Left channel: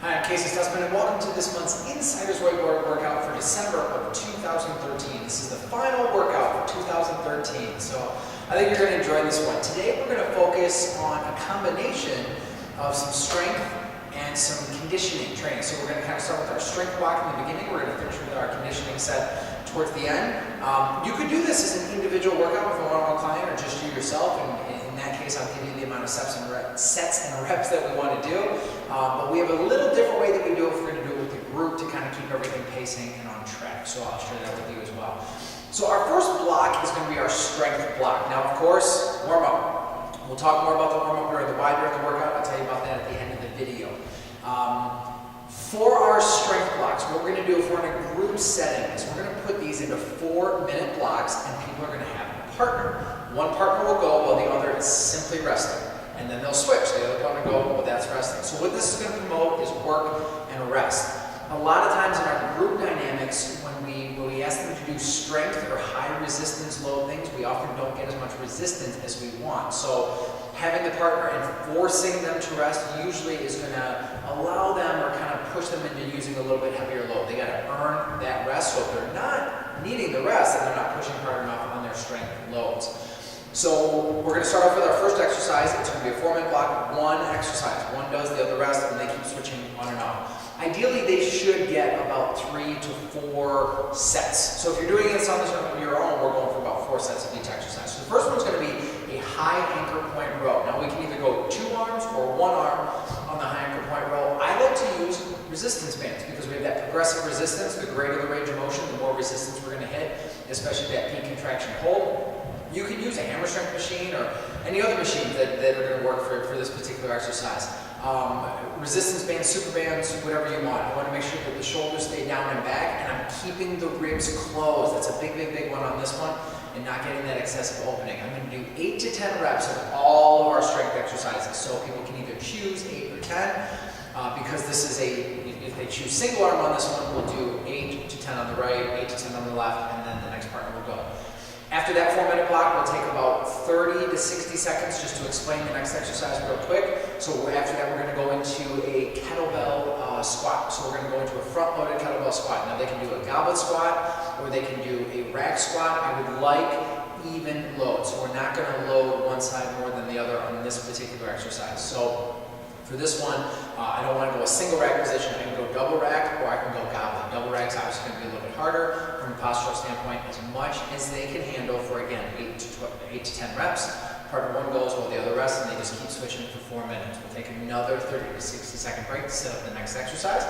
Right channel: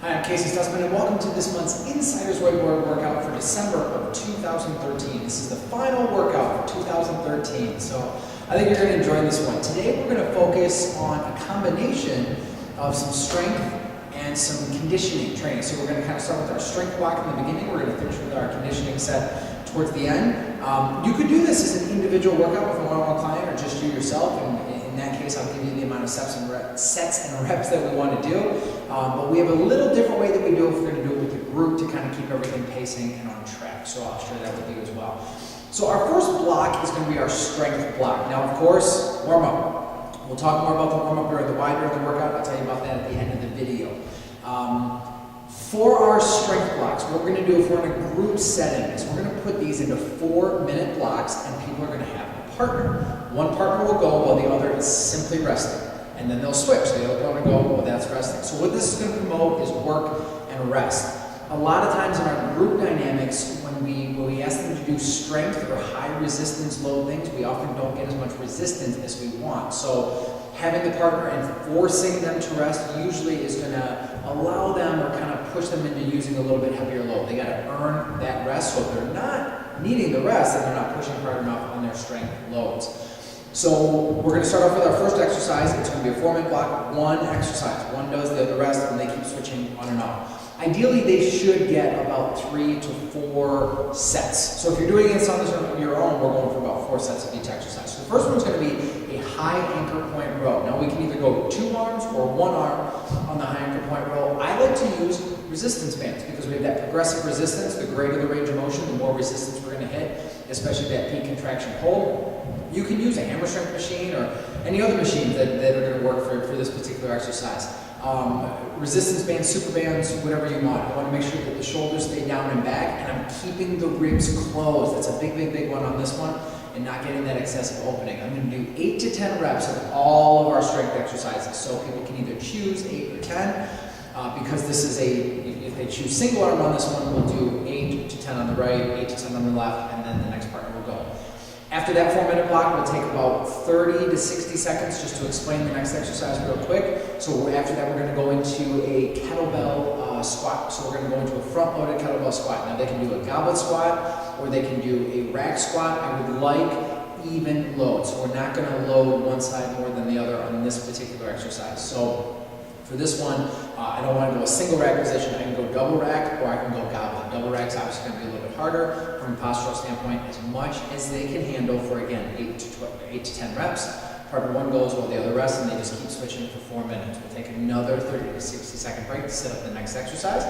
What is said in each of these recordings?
Hi, I'm Casey Stutzman, and welcome to this month's Insiders Whiteboard workout for December of 2013. This is the final workout for 2013, so I think you're going to enjoy this one. Today we're going to focus on a combination of some strength and some conditioning training. So we're going to kind of start with our strength block in the beginning. We're going to finish with our conditioning set towards the end. You could do this as an individual workout with a one-on-one client or just you yourself, and in that case I'll give you the amount of sets and reps that we want to do. But we have a little different way that we do it if we're going to do it with the group to kind of keep everything pacing and on track. So I'll share that with you as well. So our first block is going to be our strength block. Now, of course, warm up. We'll talk more about the warm up during the workout. I'll tell you about that at the end of the video. For our strength blocks, what we're going to do if we're in a group setting is we're going to put these into 4-minute blocks, and people are going to have a partner. One partner will go while the other is simply resting. And then they'll switch. The other partner will go, well, that's resting. So what this is going to promote is work and rest. A lot of times in our group dynamics, when we ask them to do strength or high resistance load things, we often don't get as much resistance as we want. So having the partner and forcing them to rest usually is going to allow them or kind of push them into using a little bit heavier load. They got to earn that rest. So if they're not needing the rest, then they're not pushing hard enough on their strength loads. So we're going to start off with our first exercise. It's going to be a 4-minute block, one exercise. One does, the other rest, and they keep switching on and off. Ideally, they should get about 3 to 4 sets. So if you're doing this on your own, we're going for about 4 sets of each exercise. So the first one's going to be a high anchor point row. Now we can either go 2 arms or 1 arm on the high anchor point row. I like to use resistance bands because we have that progressive resistance. The greater the range of motion, the more resistance we're going to hit, especially that peak contraction hold. You can use a hammer strength machine or any other machine that are going to work for this particular exercise. Resistance bands, super bands, whatever you want. I want to make sure that the shoulders stay down and back, and I'm keeping the ribs closed. That's a big one on this one, and not getting that excessive opening. I'm going to do 8 to 10 reps of all of our strength exercises. So people can either choose 8 or 10, because this is if they choose single arm on this one, we'll do 8 to 10 on the right, 8 to 10 on the left, and then the next partner will go. After that 4-minute block, we'll take about 30 to 60 seconds just to explain the next exercise real quick. So after that, we're going to go into a kettlebell squat. So we're going to go into a front-loaded kettlebell squat. Now they can do a goblet squat or they can do a rack squat. I would like even load. So we're not going to load one side more than the other on this particular exercise. So for this one, I don't want to go a single rack position. I can go double rack or I can go goblet. Double rack's obviously going to be a little bit harder from a postural standpoint, as much as they can handle for, again, 8 to 10 reps. Partner one goes while the other rests, and they just keep switching for 4 minutes. We'll take another 30 to 60 second break to set up the next exercise,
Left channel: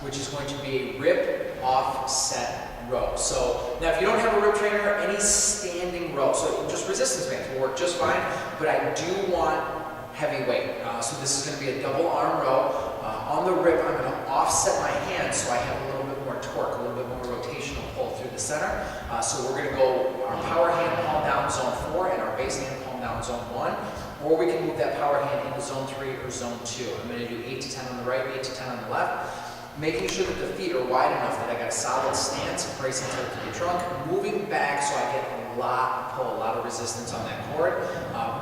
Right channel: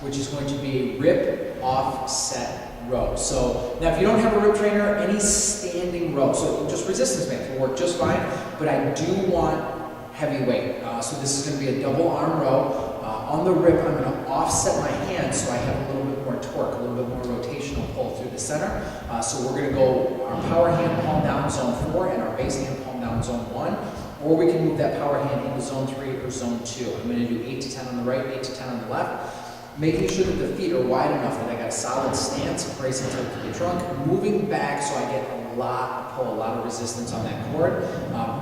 which is going to be a rip offset row. So now if you don't have a rip trainer, any standing row, so just resistance bands will work just fine, but I do want heavy weight. So this is going to be a double arm row. On the rip, I'm going to offset my hands so I have a little bit more torque, a little bit more rotational pull through the center. So we're going to go our power hand palm down zone 4 and our base hand palm down zone 1. Or we can move that power hand into zone 3 or zone 2. I'm going to do 8 to 10 on the right, 8 to 10 on the left. Making sure that the feet are wide enough that I got a solid stance, bracing to the trunk, moving back so I get a lot of pull, a lot of resistance on that cord.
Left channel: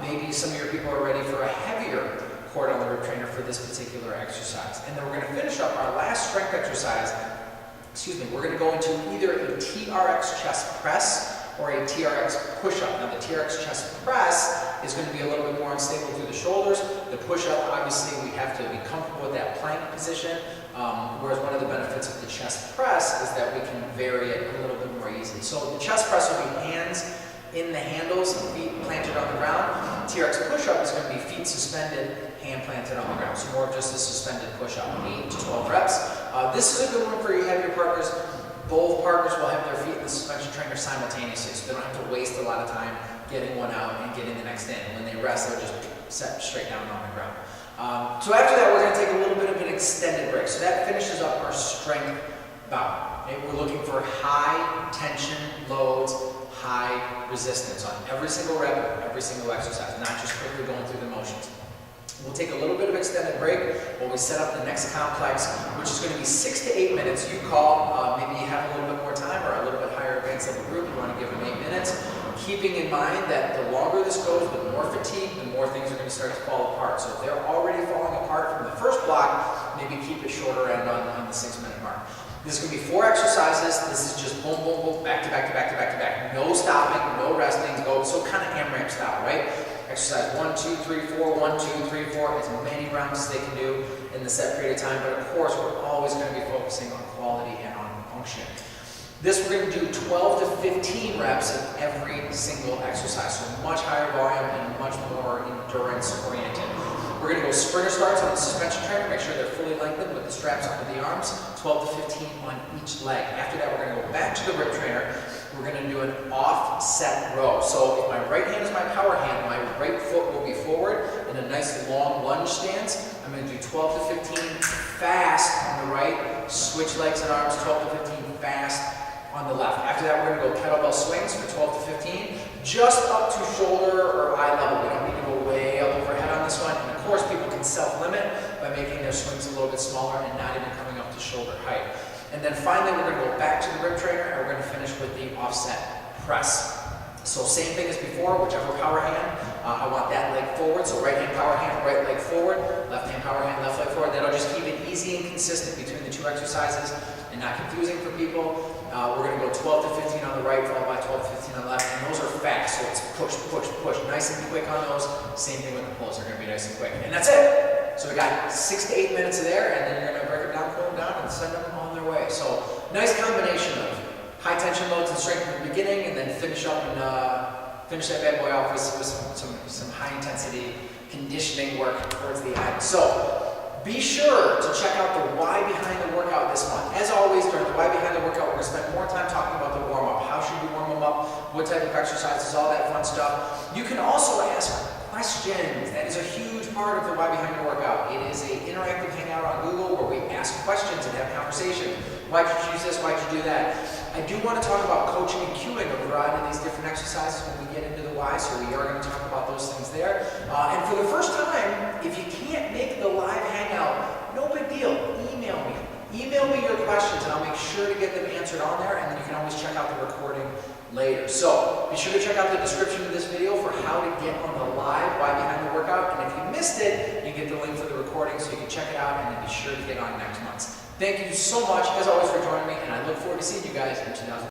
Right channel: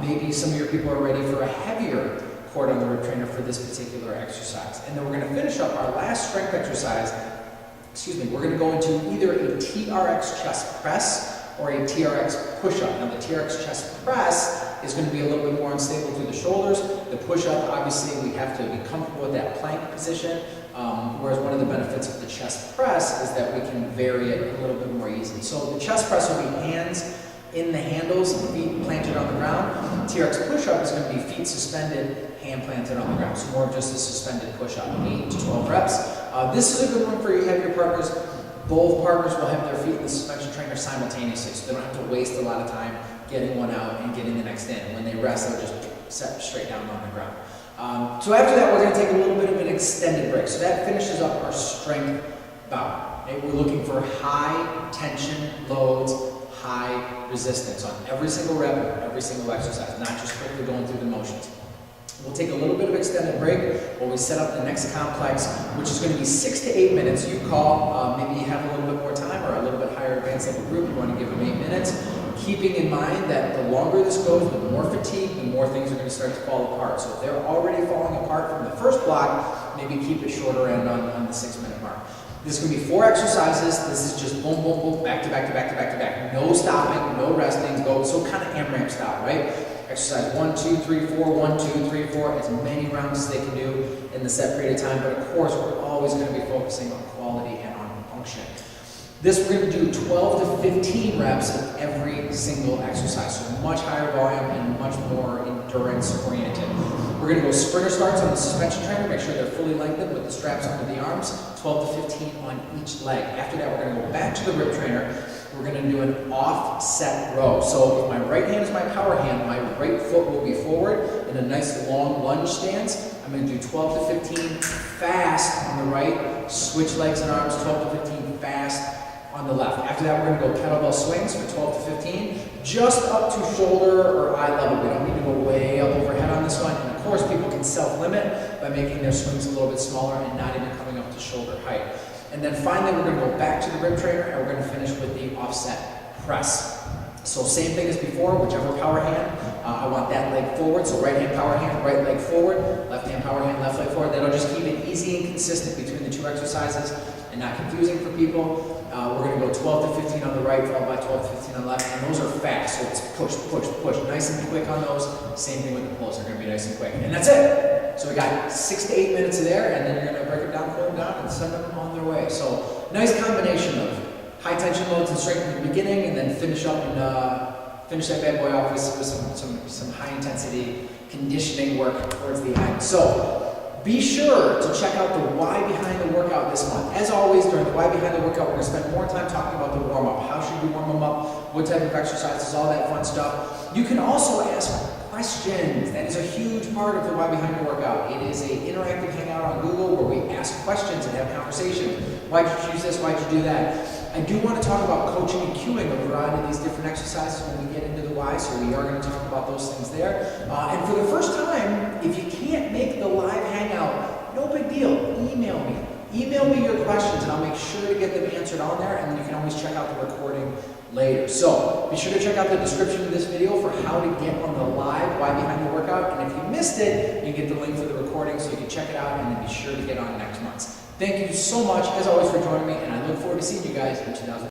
Maybe some of your people are ready for a heavier cord on the rib trainer for this particular exercise. And then we're going to finish up our last strength exercise. We're going to go into either a TRX chest press or a TRX push-up. Now the TRX chest press is going to be a little bit more unstable through the shoulders. The push-up, obviously, we have to be comfortable with that plank position, whereas one of the benefits of the chest press is that we can vary it a little bit more easily. So the chest press will be hands in the handles, feet planted on the ground. TRX push-up is going to be feet suspended, hand planted on the ground. So more of just a suspended push-up, 8 to 12 reps. This is a good one for you have your partners. Both partners will have their feet in the suspension trainer simultaneously, so they don't have to waste a lot of time getting one out and getting the next in. When they rest, they'll just set straight down on the ground. So after that, we're going to take a little bit of an extended break. So that finishes up our strength bout. Okay? We're looking for high tension loads, high resistance on every single rep of every single exercise, not just quickly going through the motions. We'll take a little bit of extended break while we set up the next complex, which is going to be 6 to 8 minutes. You call, maybe you have a little bit more time or a little bit higher advanced level group, you want to give them 8 minutes. keeping in mind that the longer this goes, the more fatigue, the more things are going to start to fall apart. So if they're already falling apart from the first block, maybe keep it shorter end on the 6-minute mark. This is going to be 4 exercises. This is just boom, boom, boom, back to back to back to back to back. No stopping, no resting, go. So kind of AMRAP style, right? Exercise 1, 2, 3, 4, 1, 2, 3, 4, as many rounds as they can do in the set period of time. But of course, we're always going to be focusing on quality and on function. This we're going to do 12 to 15 reps of every single exercise. So much higher volume and much more endurance oriented. We're going to go sprinter starts on the suspension trainer, make sure they're fully lengthened with the straps under the arms, 12 to 15 on each leg. After that, we're going to go back to the rip trainer. We're going to do an offset row. So if my right hand is my power hand, my right foot will be forward in a nice long lunge stance. I'm going to do 12 to 15 fast on the right, switch legs and arms, 12 to 15 fast on the left. After that, we're going to go kettlebell swings for 12 to 15, just up to shoulder or eye level. We don't need to go way up overhead on this one. And of course, people can self-limit by making their swings a little bit smaller and not even coming up to shoulder height. And then finally, we're going to go back to the rip trainer and we're going to finish with the offset press. So same thing as before, whichever power hand, I want that leg forward. So right hand power hand, right leg forward, left hand power hand, left leg forward. That'll just keep it easy and consistent between the 2 exercises and not confusing for people. We're going to go 12 to 15 on the right, followed by 12 to 15 on the left, and those are fast, so it's push, push, push, nice and quick on those. Same thing with the pulls, they're going to be nice and quick. And that's it! So we got 6 to 8 minutes there, and then you're going to break them down, cool them down, and send them on their way. So nice combination of high tension loads and strength in the beginning, and then finish up and finish that bad boy off with some high intensity conditioning work towards the end. So be sure to check out the why behind the workout this month. As always, during the why behind the workout, we're going to spend more time talking about the warm-up. How should we warm them up? What type of exercises? All that fun stuff. You can also ask questions. That is a huge part of the why behind the workout. It is an interactive hangout on Google where we ask questions and have conversation. Why'd you choose this? Why'd you do that? I do want to talk about coaching and cueing a variety of these different exercises when we get into the why, so we are going to talk about those things there. And for the first time, if you can't make the live hangout, no big deal. Email me. Email me your questions and I'll make sure to get them answered on there, and then you can always check out the recording later. So be sure to check out the description of this video for how to get on the live why behind the workout, and if you missed it, you get the link for the recording so you can check it out, and then be sure to get on next month's. Thank you so much, as always, for joining me, and I look forward to seeing you guys in 2020.